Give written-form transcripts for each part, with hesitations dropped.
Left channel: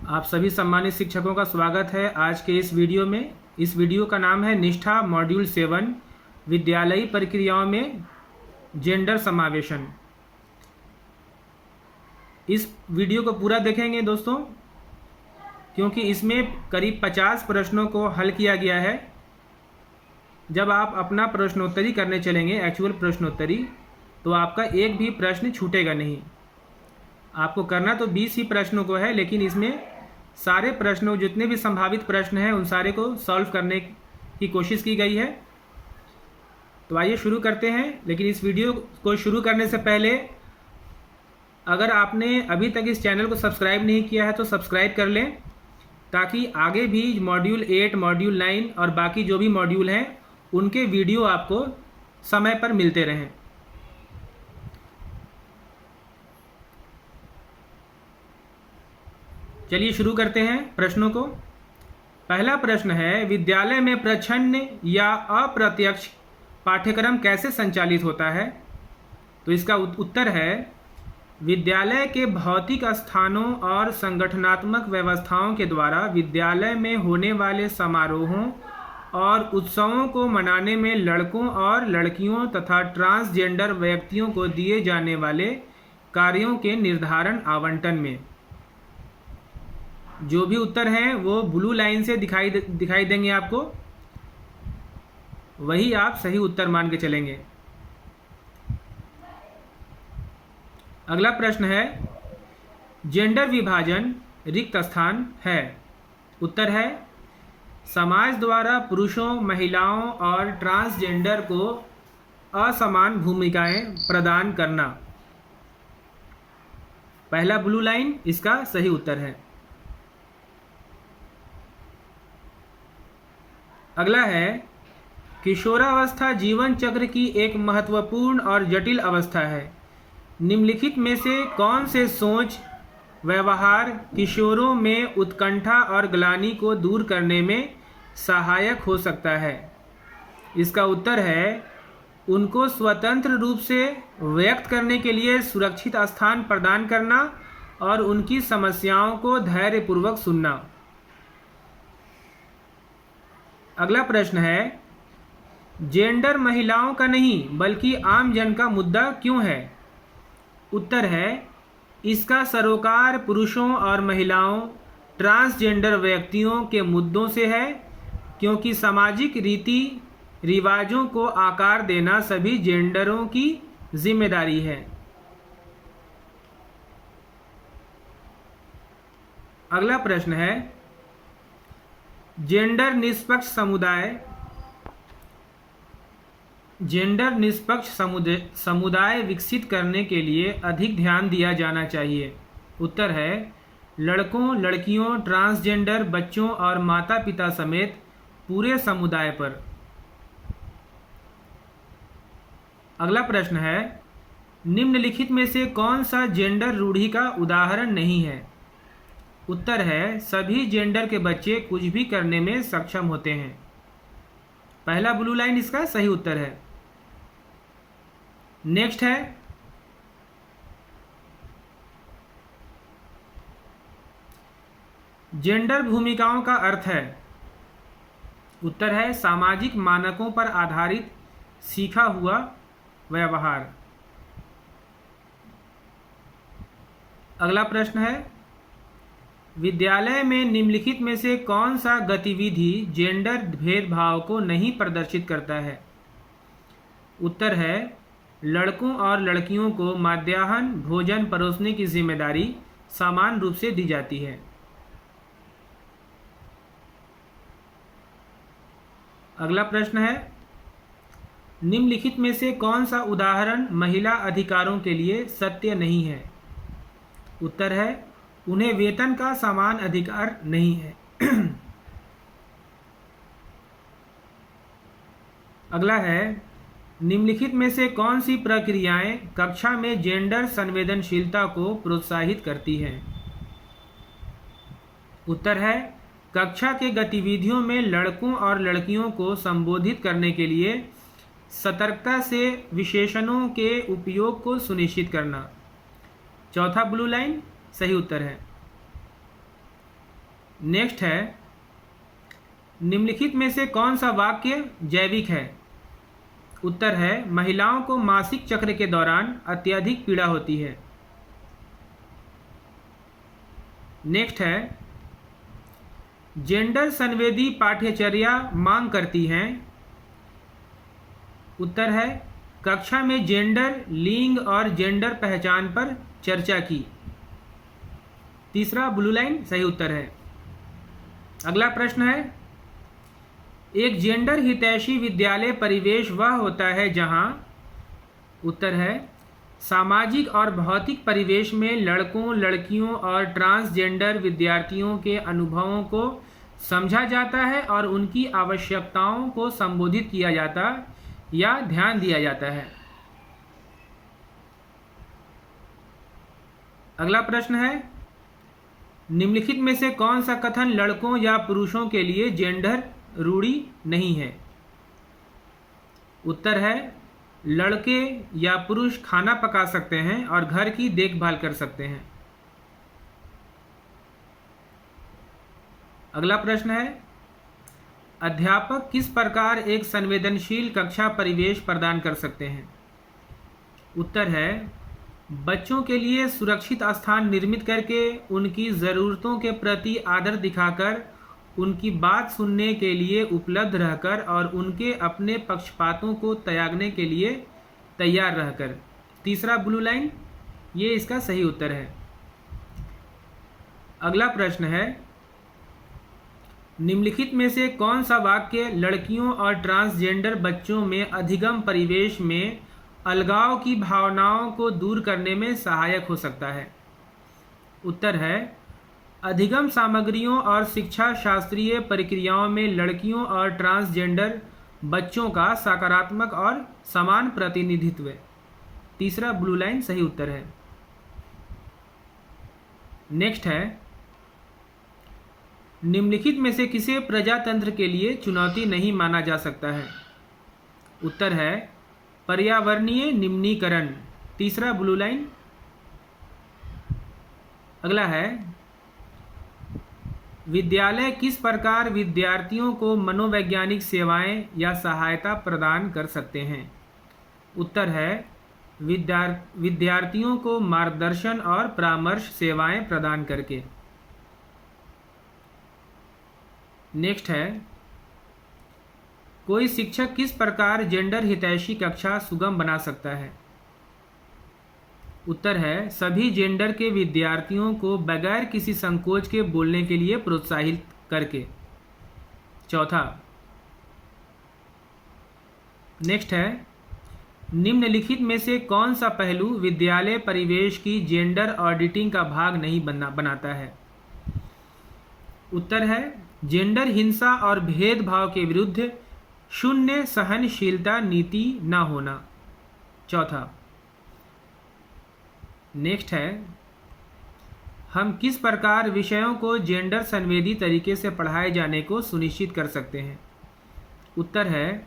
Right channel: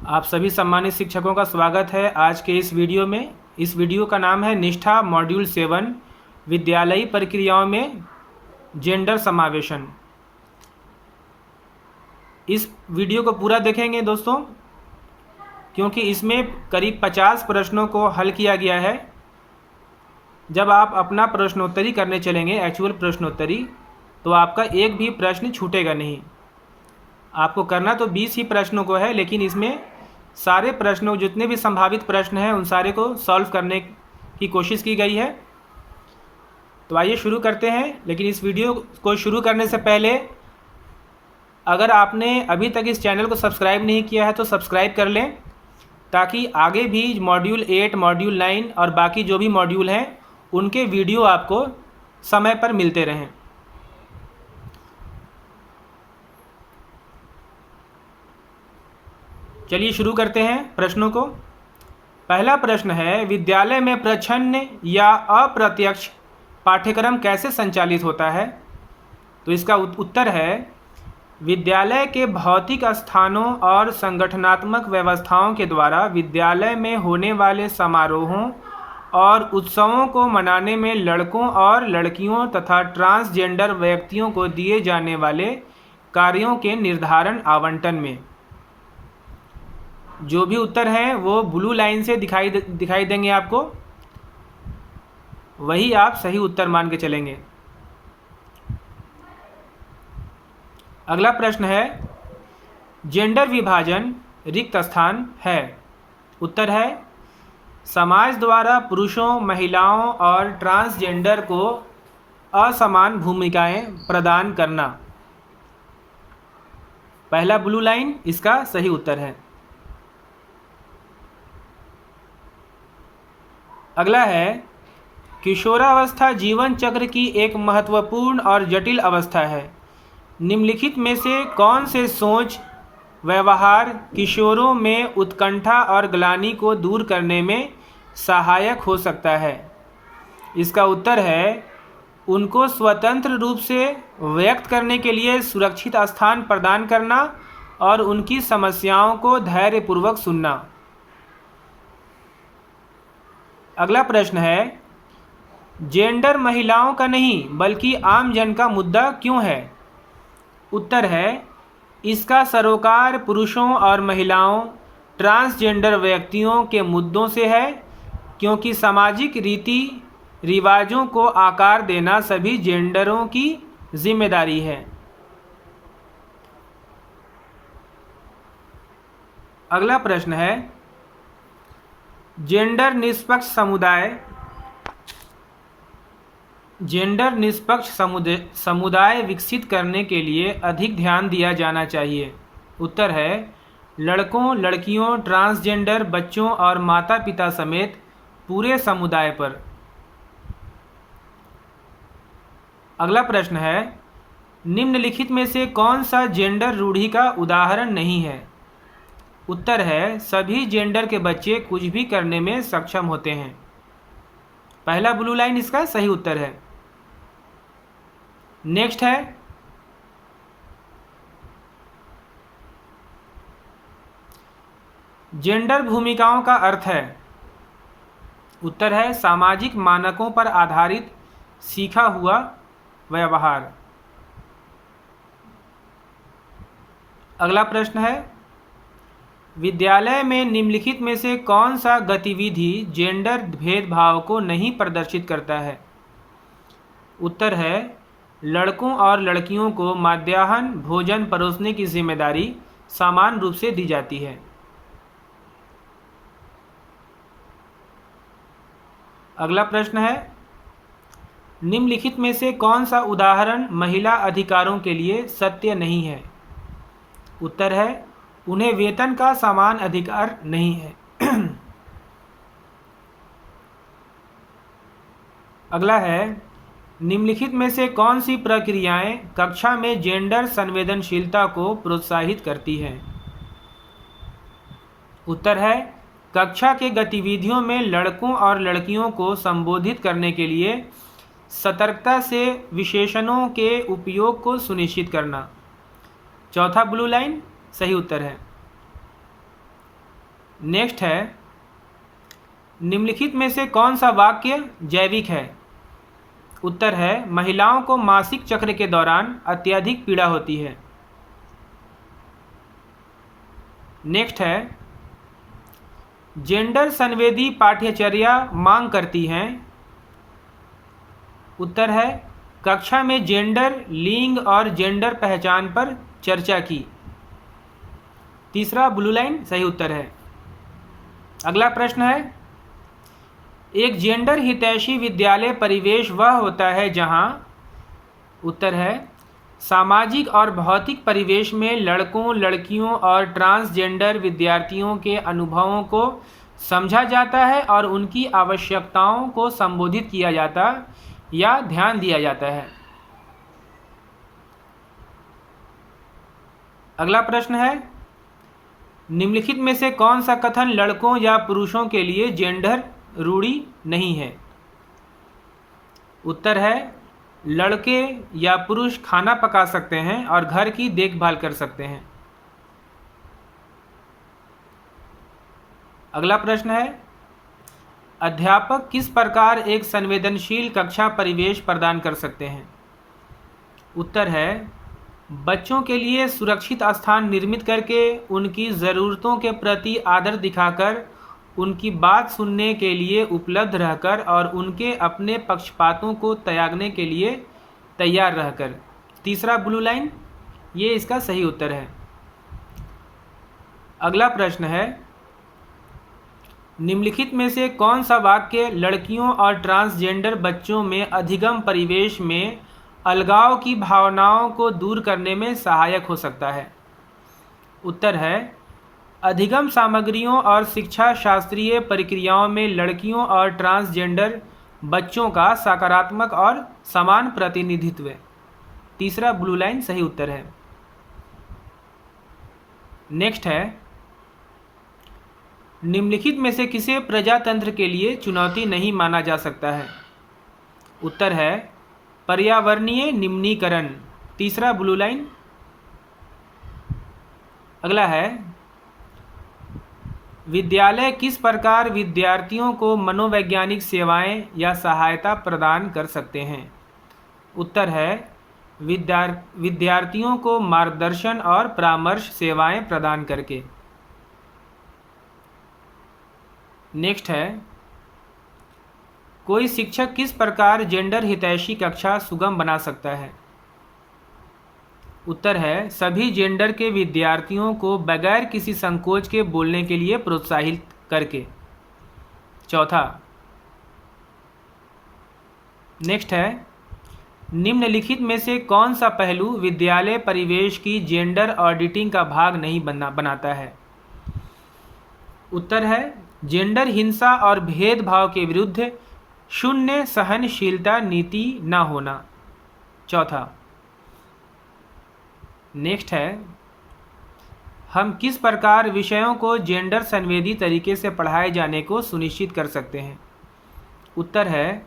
आप सभी सम्मानित शिक्षकों का स्वागत है आज के इस वीडियो में। इस वीडियो का नाम है निष्ठा मॉड्यूल 7 विद्यालयी प्रक्रियाओं में जेंडर समावेशन। इस वीडियो को पूरा देखेंगे दोस्तों, क्योंकि इसमें करीब 50 प्रश्नों को हल किया गया है। जब आप अपना प्रश्नोत्तरी करने चलेंगे, एक्चुअल प्रश्नोत्तरी, तो आपका एक भी प्रश्न छूटेगा नहीं। आपको करना तो 20 ही प्रश्नों को है, लेकिन इसमें सारे प्रश्नों, जितने भी संभावित प्रश्न हैं, उन सारे को सॉल्व करने की कोशिश की गई है। तो आइए शुरू करते हैं। लेकिन इस वीडियो को शुरू करने से पहले अगर आपने अभी तक इस चैनल को सब्सक्राइब नहीं किया है तो सब्सक्राइब कर लें, ताकि आगे भी मॉड्यूल 8, मॉड्यूल 9 और बाकी जो भी मॉड्यूल हैं उनके वीडियो आपको समय पर मिलते रहें। चलिए शुरू करते हैं प्रश्नों को। पहला प्रश्न है, विद्यालय में प्रच्छन्न या अप्रत्यक्ष पाठ्यक्रम कैसे संचालित होता है? तो इसका उत्तर है, विद्यालय के भौतिक स्थानों और संगठनात्मक व्यवस्थाओं के द्वारा विद्यालय में होने वाले समारोहों और उत्सवों को मनाने में लड़कों और लड़कियों तथा ट्रांसजेंडर व्यक्तियों को दिए जाने वाले कार्यों के निर्धारण आवंटन में। जो भी उत्तर हैं वो ब्लू लाइन से दिखाई देंगे आपको, वही आप सही उत्तर मान के चलेंगे। अगला प्रश्न है, जेंडर विभाजन रिक्त स्थान है? उत्तर है, समाज द्वारा पुरुषों, महिलाओं और ट्रांसजेंडर को असमान भूमिकाएं प्रदान करना। पहला ब्लू लाइन इसका सही उत्तर है। अगला है, किशोरावस्था जीवन चक्र की एक महत्वपूर्ण और जटिल अवस्था है। निम्नलिखित में से कौन से सोच व्यवहार किशोरों में उत्कंठा और ग्लानि को दूर करने में सहायक हो सकता है? इसका उत्तर है, उनको स्वतंत्र रूप से व्यक्त करने के लिए सुरक्षित स्थान प्रदान करना और उनकी समस्याओं को धैर्यपूर्वक सुनना। अगला प्रश्न है, जेंडर महिलाओं का नहीं बल्कि आम जन का मुद्दा क्यों है? उत्तर है, इसका सरोकार पुरुषों और महिलाओं, ट्रांसजेंडर व्यक्तियों के मुद्दों से है, क्योंकि सामाजिक रीति रिवाजों को आकार देना सभी जेंडरों की जिम्मेदारी है। अगला प्रश्न है, जेंडर निष्पक्ष समुदाय विकसित करने के लिए अधिक ध्यान दिया जाना चाहिए। उत्तर है, लड़कों, लड़कियों, ट्रांसजेंडर बच्चों और माता पिता समेत पूरे समुदाय पर। अगला प्रश्न है, निम्नलिखित में से कौन सा जेंडर रूढ़ि का उदाहरण नहीं है? उत्तर है, सभी जेंडर के बच्चे कुछ भी करने में सक्षम होते हैं। पहला ब्लू लाइन इसका सही उत्तर है। नेक्स्ट है, जेंडर भूमिकाओं का अर्थ है? उत्तर है, सामाजिक मानकों पर आधारित सीखा हुआ व्यवहार। अगला प्रश्न है, विद्यालय में निम्नलिखित में से कौन सा गतिविधि जेंडर भेदभाव को नहीं प्रदर्शित करता है? उत्तर है, लड़कों और लड़कियों को मध्याह्न भोजन परोसने की जिम्मेदारी समान रूप से दी जाती है। अगला प्रश्न है, निम्नलिखित में से कौन सा उदाहरण महिला अधिकारों के लिए सत्य नहीं है? उत्तर है, उन्हें वेतन का समान अधिकार नहीं है। अगला है, निम्नलिखित में से कौन सी प्रक्रियाएं कक्षा में जेंडर संवेदनशीलता को प्रोत्साहित करती हैं? उत्तर है, कक्षा के गतिविधियों में लड़कों और लड़कियों को संबोधित करने के लिए सतर्कता से विशेषणों के उपयोग को सुनिश्चित करना। चौथा ब्लू लाइन सही उत्तर है। नेक्स्ट है, निम्नलिखित में से कौन सा वाक्य जैविक है? उत्तर है, महिलाओं को मासिक चक्र के दौरान अत्यधिक पीड़ा होती है। नेक्स्ट है, जेंडर संवेदी पाठ्यचर्या मांग करती हैं। उत्तर है, कक्षा में जेंडर, लिंग और जेंडर पहचान पर चर्चा की। तीसरा ब्लू लाइन सही उत्तर है। अगला प्रश्न है, एक जेंडर हितैषी विद्यालय परिवेश वह होता है जहां, उत्तर है, सामाजिक और भौतिक परिवेश में लड़कों, लड़कियों और ट्रांसजेंडर विद्यार्थियों के अनुभवों को समझा जाता है और उनकी आवश्यकताओं को संबोधित किया जाता या ध्यान दिया जाता है। अगला प्रश्न है, निम्नलिखित में से कौन सा कथन लड़कों या पुरुषों के लिए जेंडर रूढ़ी नहीं है? उत्तर है, लड़के या पुरुष खाना पका सकते हैं और घर की देखभाल कर सकते हैं। अगला प्रश्न है, अध्यापक किस प्रकार एक संवेदनशील कक्षा परिवेश प्रदान कर सकते हैं? उत्तर है, बच्चों के लिए सुरक्षित स्थान निर्मित करके, उनकी ज़रूरतों के प्रति आदर दिखाकर, उनकी बात सुनने के लिए उपलब्ध रहकर और उनके अपने पक्षपातों को त्यागने के लिए तैयार रहकर। तीसरा ब्लू लाइन, ये इसका सही उत्तर है। अगला प्रश्न है, निम्नलिखित में से कौन सा वाक्य लड़कियों और ट्रांसजेंडर बच्चों में अधिगम परिवेश में अलगाव की भावनाओं को दूर करने में सहायक हो सकता है? उत्तर है, अधिगम सामग्रियों और शिक्षा शास्त्रीय प्रक्रियाओं में लड़कियों और ट्रांसजेंडर बच्चों का सकारात्मक और समान प्रतिनिधित्व। तीसरा ब्लू लाइन सही उत्तर है। नेक्स्ट है, निम्नलिखित में से किसे प्रजातंत्र के लिए चुनौती नहीं माना जा सकता है? उत्तर है, पर्यावरणीय निम्नीकरण। तीसरा ब्लू लाइन। अगला है, विद्यालय किस प्रकार विद्यार्थियों को मनोवैज्ञानिक सेवाएं या सहायता प्रदान कर सकते हैं? उत्तर है, विद्यार्थियों को मार्गदर्शन और परामर्श सेवाएं प्रदान करके। नेक्स्ट है, कोई शिक्षक किस प्रकार जेंडर हितैषी कक्षा सुगम बना सकता है? उत्तर है, सभी जेंडर के विद्यार्थियों को बगैर किसी संकोच के बोलने के लिए प्रोत्साहित करके। चौथा, नेक्स्ट है, निम्नलिखित में से कौन सा पहलू विद्यालय परिवेश की जेंडर ऑडिटिंग का भाग नहीं बनाता है? उत्तर है, जेंडर हिंसा और भेदभाव के विरुद्ध शून्य सहनशीलता नीति न होना। चौथा। नेक्स्ट है, हम किस प्रकार विषयों को जेंडर संवेदी तरीके से पढ़ाए जाने को सुनिश्चित कर सकते हैं? उत्तर है,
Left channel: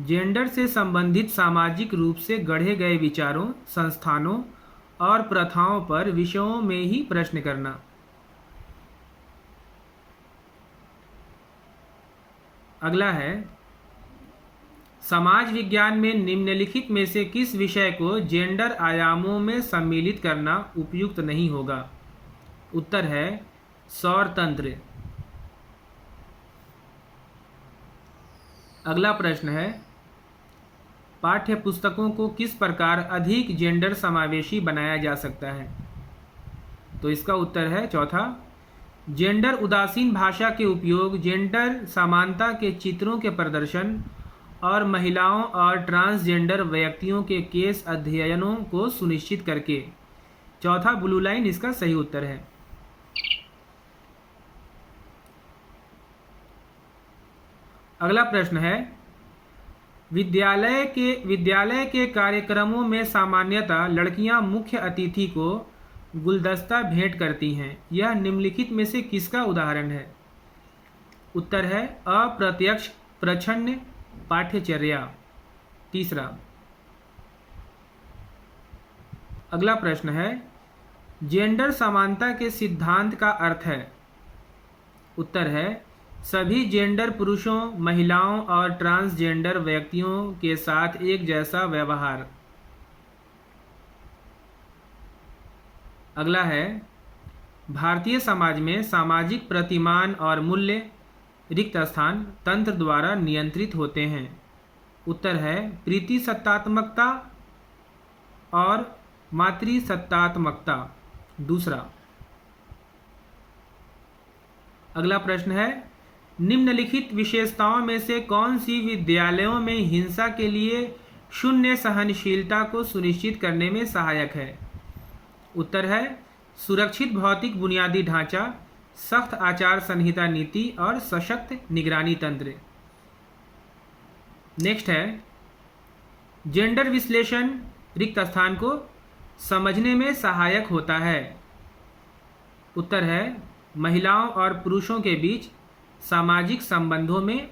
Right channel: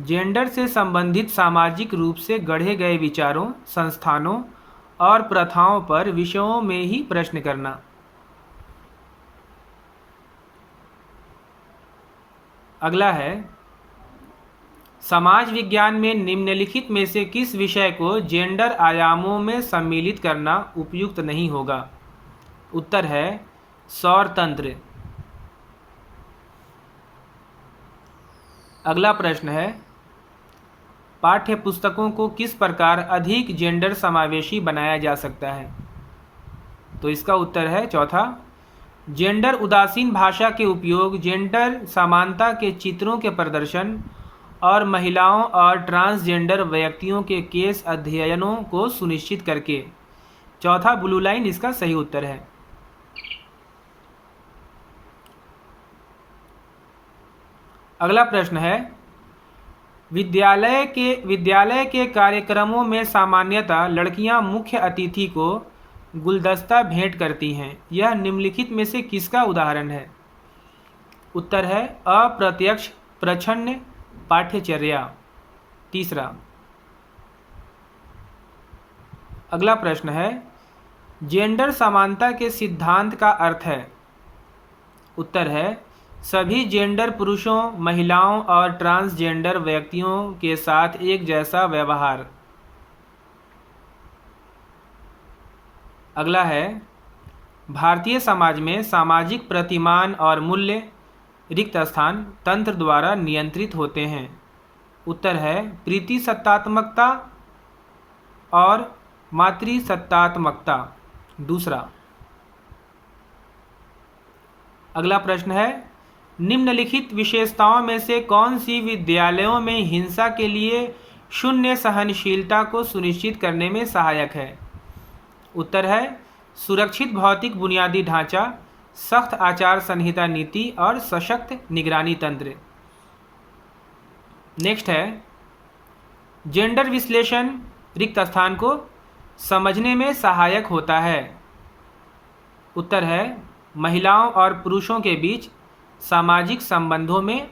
जेंडर से संबंधित सामाजिक रूप से गढ़े गए विचारों, संस्थानों और प्रथाओं पर विषयों में ही प्रश्न करना। अगला है, समाज विज्ञान में निम्नलिखित में से किस विषय को जेंडर आयामों में सम्मिलित करना उपयुक्त नहीं होगा? उत्तर है, सौर तंत्र। अगला प्रश्न है, पाठ्य पुस्तकों को किस प्रकार अधिक जेंडर समावेशी बनाया जा सकता है? तो इसका उत्तर है चौथा, जेंडर उदासीन भाषा के उपयोग, जेंडर समानता के चित्रों के प्रदर्शन और महिलाओं और ट्रांसजेंडर व्यक्तियों के केस अध्ययनों को सुनिश्चित करके। चौथा ब्लू लाइन इसका सही उत्तर है। अगला प्रश्न है, विद्यालय के कार्यक्रमों में सामान्यतः लड़कियां मुख्य अतिथि को गुलदस्ता भेंट करती हैं। यह निम्नलिखित में से किसका उदाहरण है? उत्तर है, अप्रत्यक्ष प्रच्छन्न पाठ्यचर्या। तीसरा। अगला प्रश्न है, जेंडर समानता के सिद्धांत का अर्थ है? उत्तर है सभी जेंडर पुरुषों, महिलाओं और ट्रांसजेंडर व्यक्तियों के साथ एक जैसा व्यवहार। अगला है भारतीय समाज में सामाजिक प्रतिमान और मूल्य रिक्त स्थान तंत्र द्वारा नियंत्रित होते हैं। उत्तर है प्रीति सत्तात्मकता और मातृसत्तात्मकता। दूसरा। अगला प्रश्न है निम्नलिखित विशेषताओं में से कौन सी विद्यालयों में हिंसा के लिए शून्य सहनशीलता को सुनिश्चित करने में सहायक है। उत्तर है सुरक्षित भौतिक बुनियादी ढांचा, सख्त आचार संहिता नीति और सशक्त निगरानी तंत्र। नेक्स्ट है जेंडर विश्लेषण रिक्त स्थान को समझने में सहायक होता है। उत्तर है महिलाओं और पुरुषों के बीच सामाजिक संबंधों में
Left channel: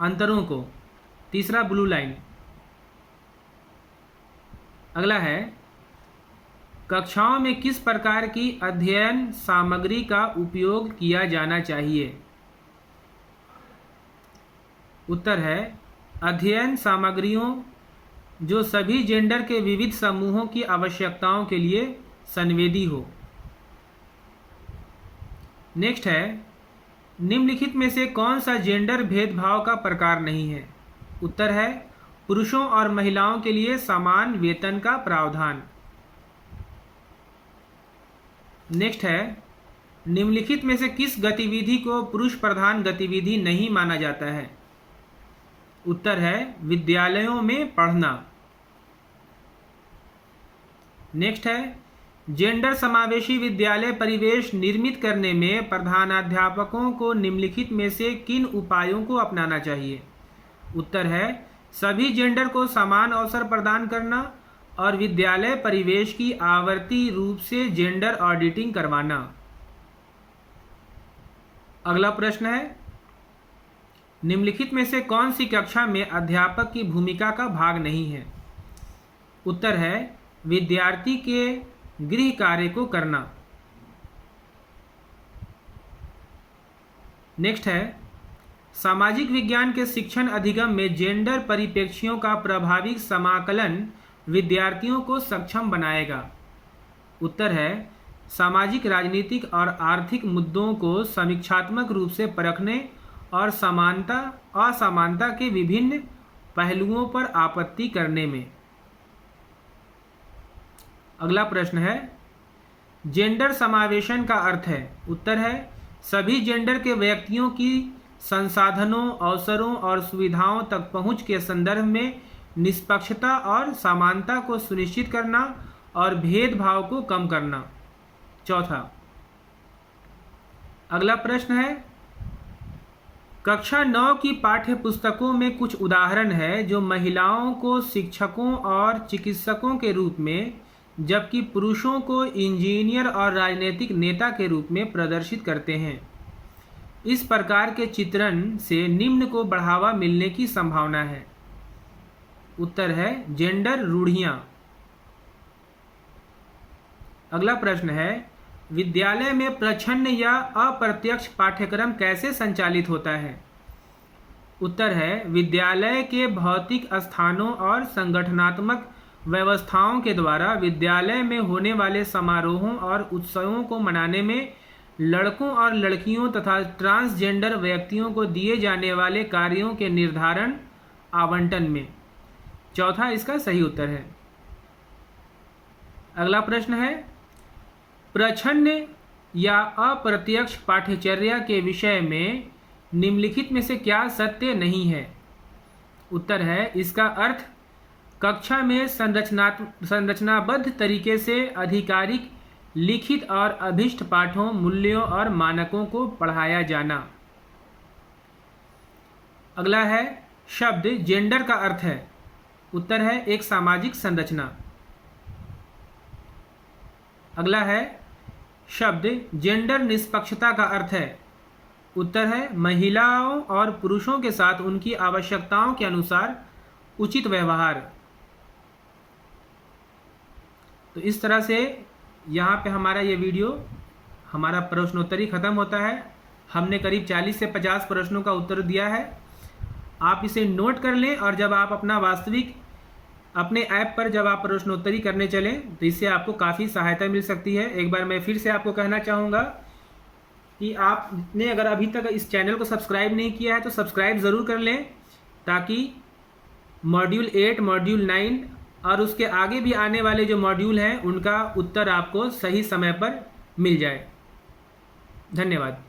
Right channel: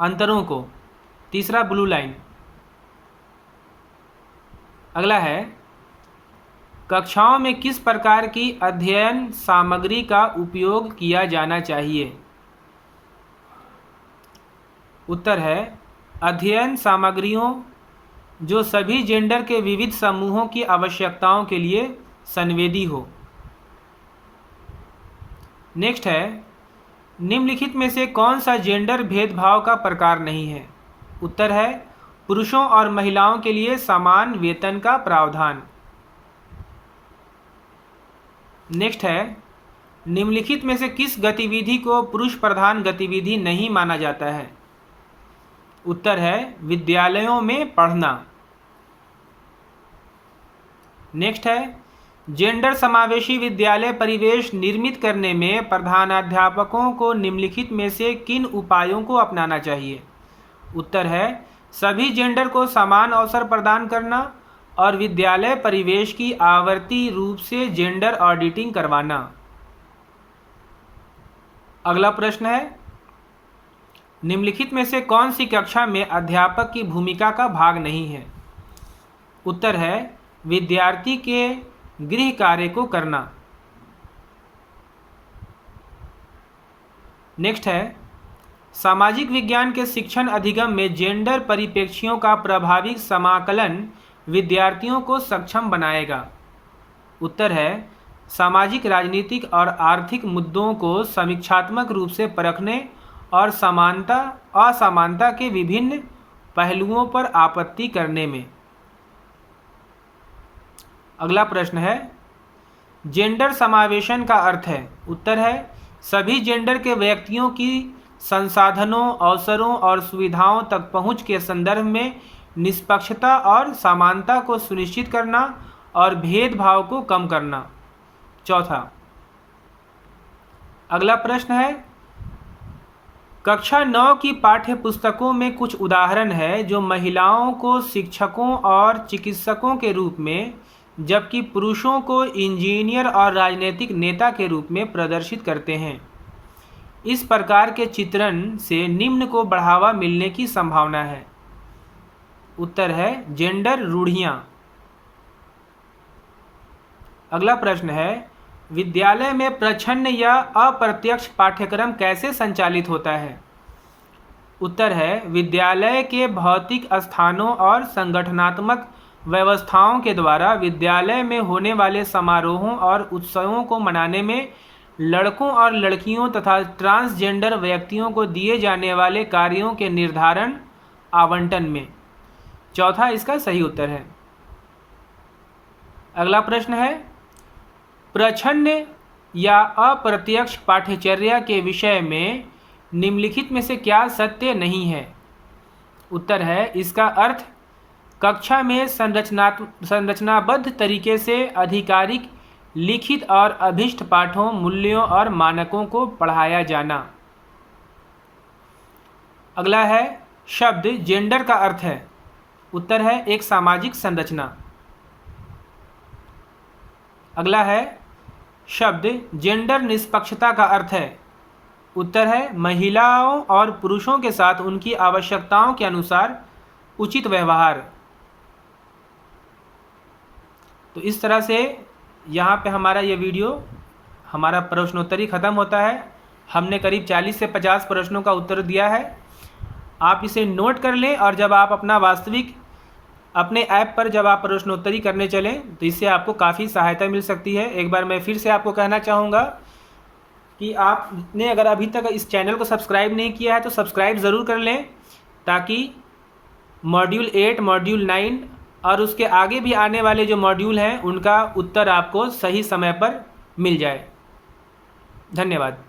अंतरों को। तीसरा ब्लू लाइन। अगला है कक्षाओं में किस प्रकार की अध्ययन सामग्री का उपयोग किया जाना चाहिए। उत्तर है अध्ययन सामग्रियों जो सभी जेंडर के विविध समूहों की आवश्यकताओं के लिए संवेदी हो। नेक्स्ट है निम्नलिखित में से कौन सा जेंडर भेदभाव का प्रकार नहीं है। उत्तर है पुरुषों और महिलाओं के लिए समान वेतन का प्रावधान। नेक्स्ट है निम्नलिखित में से किस गतिविधि को पुरुष प्रधान गतिविधि नहीं माना जाता है। उत्तर है विद्यालयों में पढ़ना। नेक्स्ट है जेंडर समावेशी विद्यालय परिवेश निर्मित करने में प्रधानाध्यापकों को निम्नलिखित में से किन उपायों को अपनाना चाहिए। उत्तर है सभी जेंडर को समान अवसर प्रदान करना और विद्यालय परिवेश की आवर्ती रूप से जेंडर ऑडिटिंग करवाना। अगला प्रश्न है निम्नलिखित में से कौन सी कक्षा में अध्यापक की भूमिका का भाग नहीं है। उत्तर है विद्यार्थी के गृह कार्य को करना। नेक्स्ट है सामाजिक विज्ञान के शिक्षण अधिगम में जेंडर परिप्रेक्ष्यों का प्रभावी समाकलन विद्यार्थियों को सक्षम बनाएगा। उत्तर है सामाजिक, राजनीतिक और आर्थिक मुद्दों को समीक्षात्मक रूप से परखने और समानता असमानता के विभिन्न पहलुओं पर आपत्ति करने में। अगला प्रश्न है जेंडर समावेशन का अर्थ है। उत्तर है सभी जेंडर के व्यक्तियों की संसाधनों, अवसरों और सुविधाओं तक पहुंच के संदर्भ में निष्पक्षता और समानता को सुनिश्चित करना और भेदभाव को कम करना। चौथा। अगला प्रश्न है कक्षा 9 की पाठ्य पुस्तकों में कुछ उदाहरण है जो महिलाओं को शिक्षकों और चिकित्सकों के रूप में जबकि पुरुषों को इंजीनियर और राजनीतिक नेता के रूप में प्रदर्शित करते हैं। इस प्रकार के चित्रण से निम्न को बढ़ावा मिलने की संभावना है। उत्तर है जेंडर रूढ़ियाँ। अगला प्रश्न है विद्यालय में प्रच्छन्न या अप्रत्यक्ष पाठ्यक्रम कैसे संचालित होता है। उत्तर है विद्यालय के भौतिक स्थानों और संगठनात्मक व्यवस्थाओं के द्वारा विद्यालय में होने वाले समारोहों और उत्सवों को मनाने में लड़कों और लड़कियों तथा ट्रांसजेंडर व्यक्तियों को दिए जाने वाले कार्यों के निर्धारण आवंटन में। चौथा इसका सही उत्तर है। अगला प्रश्न है प्रच्छन्न या अप्रत्यक्ष पाठ्यचर्या के विषय में निम्नलिखित में से क्या सत्य नहीं है। उत्तर है इसका अर्थ कक्षा में संरचनाबद्ध तरीके से आधिकारिक लिखित और अभिष्ट पाठों, मूल्यों और मानकों को पढ़ाया जाना। अगला है शब्द जेंडर का अर्थ है। उत्तर है एक सामाजिक संरचना। अगला है शब्द जेंडर निष्पक्षता का अर्थ है। उत्तर है महिलाओं और पुरुषों के साथ उनकी आवश्यकताओं के अनुसार उचित व्यवहार। तो इस तरह से यहाँ पे हमारा ये वीडियो, हमारा प्रश्नोत्तरी ख़त्म होता है। हमने करीब 40 से 50 प्रश्नों का उत्तर दिया है। आप इसे नोट कर लें और जब आप अपना वास्तविक अपने ऐप पर जब आप प्रश्नोत्तरी करने चलें तो इससे आपको काफ़ी सहायता मिल सकती है। एक बार मैं फिर से आपको कहना चाहूँगा कि आपने अगर अभी तक इस चैनल को सब्सक्राइब नहीं किया है तो सब्सक्राइब ज़रूर कर लें, ताकि मॉड्यूल 8, मॉड्यूल 9 और उसके आगे भी आने वाले जो मॉड्यूल हैं उनका उत्तर आपको सही समय पर मिल जाए। धन्यवाद।